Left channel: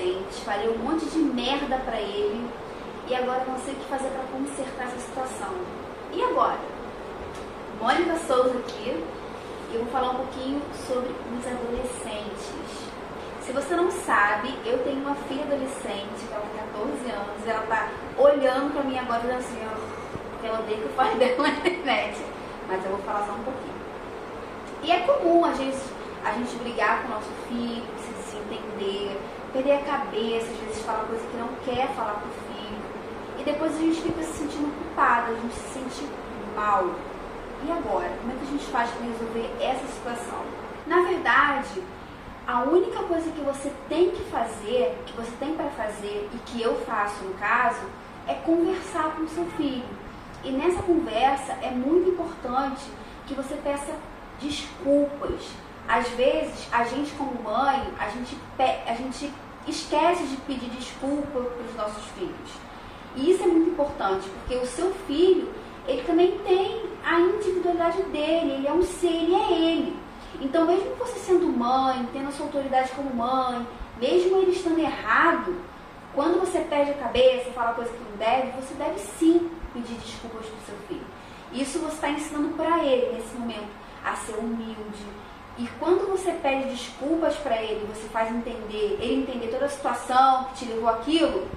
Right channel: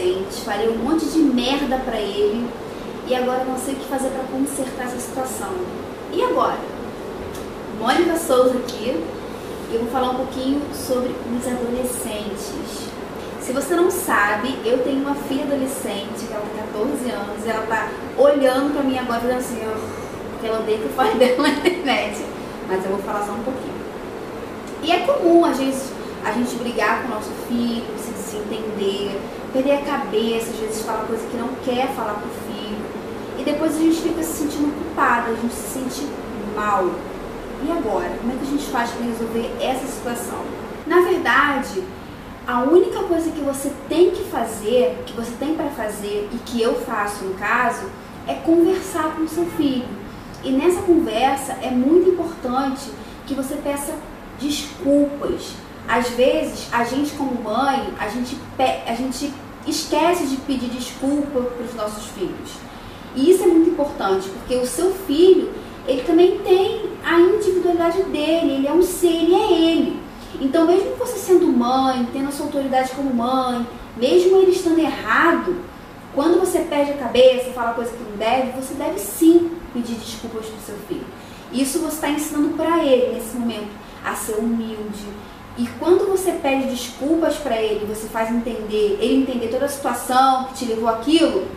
adolescente, falei um monte de merda pra ele e agora não sei o que fazer pra consertar essa situação. E agora? Mônica Souza aqui e eu vou falar um pouquinho sobre os adolescentes. Se você não sabe, eu tenho uma filha adolescente, que ela tem 14 anos, e ela tá olhando pra mim agora e assim, porque ela odeia que eu fale dela na internet. Mas eu vou falar só um pouquinho. E é comum a gente brigar com o nosso filho, se desentender, perder a cabeça, às vezes falar coisa que não quer falar pro filho. E depois a gente fica se sentindo culpada, a gente se sente mal. E agora? Como é que a gente faz para resolver essa situação? Na verdade, a única coisa que você tem que fazer, que você tem para fazer e que eu faço no caso, é conversar com o seu filho. E nessa conversa é muito importante que você peça desculpas. Às vezes, a gente como mãe, a gente esquece de pedir desculpa para os nossos filhos. E isso é muito importante, porque o seu filho, ele também tem a individualidade dele, ele é um ser, ele é ele. Então, mesmo você sendo mãe, tendo a sua autoridade como mãe, mesmo ele estando errado, quando você perde a cabeça, fala coisa que não deve, você deve sim pedir desculpas para o seu filho. Isso você está ensinando para ele, nesse momento, a ser humilde. E quando você pede desculpas para ele, você faz ele entender toda a situação que te levou àquilo,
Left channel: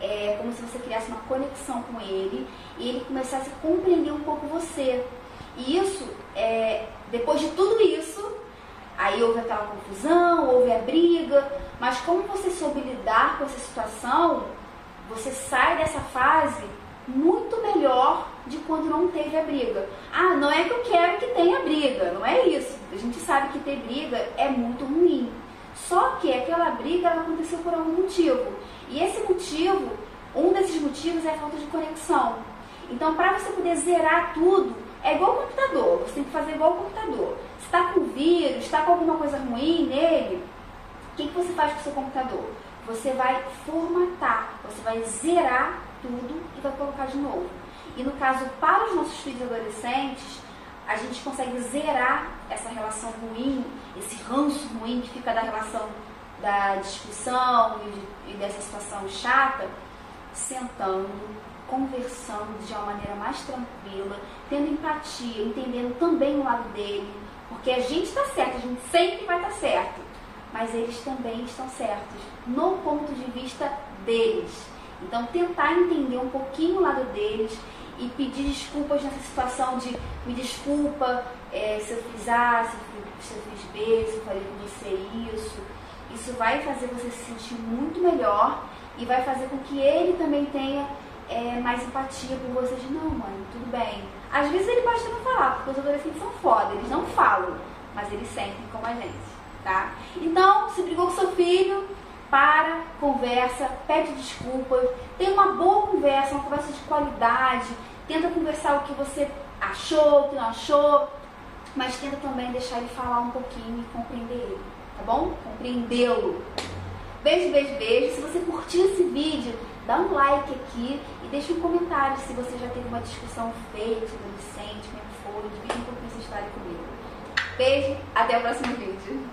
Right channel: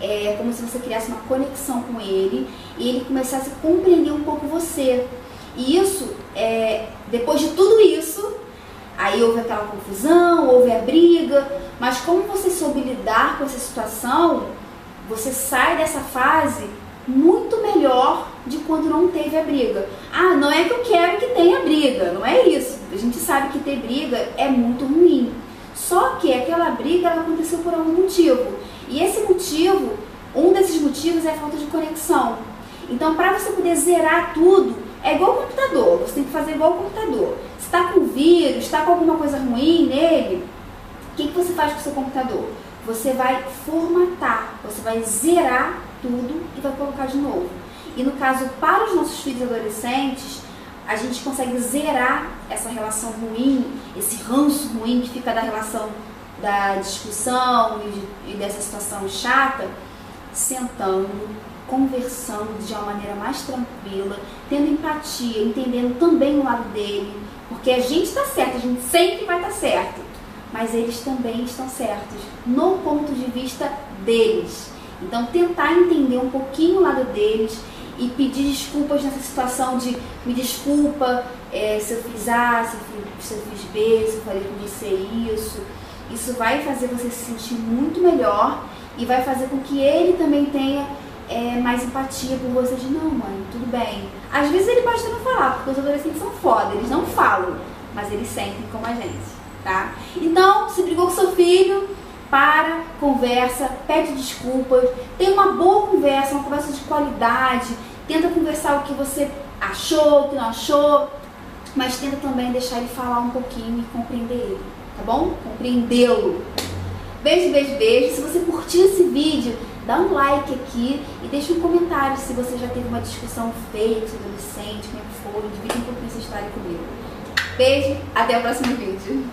é como se você criasse uma conexão com ele e ele começasse a compreender um pouco você. E isso, depois de tudo isso, aí houve aquela confusão, houve a briga, mas como você soube lidar com essa situação, você sai dessa fase muito melhor de quando não teve a briga. Ah, não é que eu quero que tenha briga, não é isso. A gente sabe que ter briga é muito ruim. Só que aquela briga ela aconteceu por algum motivo. E esse motivo, um desses motivos é a falta de conexão. Então, para você poder zerar tudo, é igual o computador. Você tem que fazer igual o computador. Se está com vírus, está com alguma coisa ruim nele, o que você faz com o seu computador? Você vai formatar, você vai zerar tudo e vai colocar de novo. E no caso, para os nossos filhos adolescentes, a gente consegue zerar essa relação ruim, esse ranço ruim que fica da relação da discussão e dessa situação chata, sentando, conversando de uma maneira mais tranquila, tendo empatia, entendendo também o lado dele, porque a gente está certo, a gente sempre vai estar certo, mas eles também estão certos, no ponto de vista deles. Então, tentar entender um pouquinho o lado deles e pedir desculpas nessa situação de me desculpa se eu fiz A, se eu fiz B, se eu falei com você isso. Isso vai fazer você se sentir muito melhor e vai fazer com que ele também tenha mais empatia por você de não, mãe, tudo bem. Às vezes ele pode até não falar, porque os adolescentes são foda, eles não falam, mas eles sentem como a gente, tá? Então, se brigou com seu filho, para, conversa, pede desculpas, tem uma boa conversa, uma conversa de qualidade, tenta conversar o que você achou, o que não achou, mas tenta também deixar ele falar um pouquinho e compreender ele, tá bom? Compreendê-lo. Beijo, beijo, beijo. Se você curtiu esse vídeo, dá um like aqui e deixa um comentário se você já teve uma discussão feia com seu adolescente, como é que foi, divide um pouquinho essa história comigo. Beijo, até o próximo vídeo.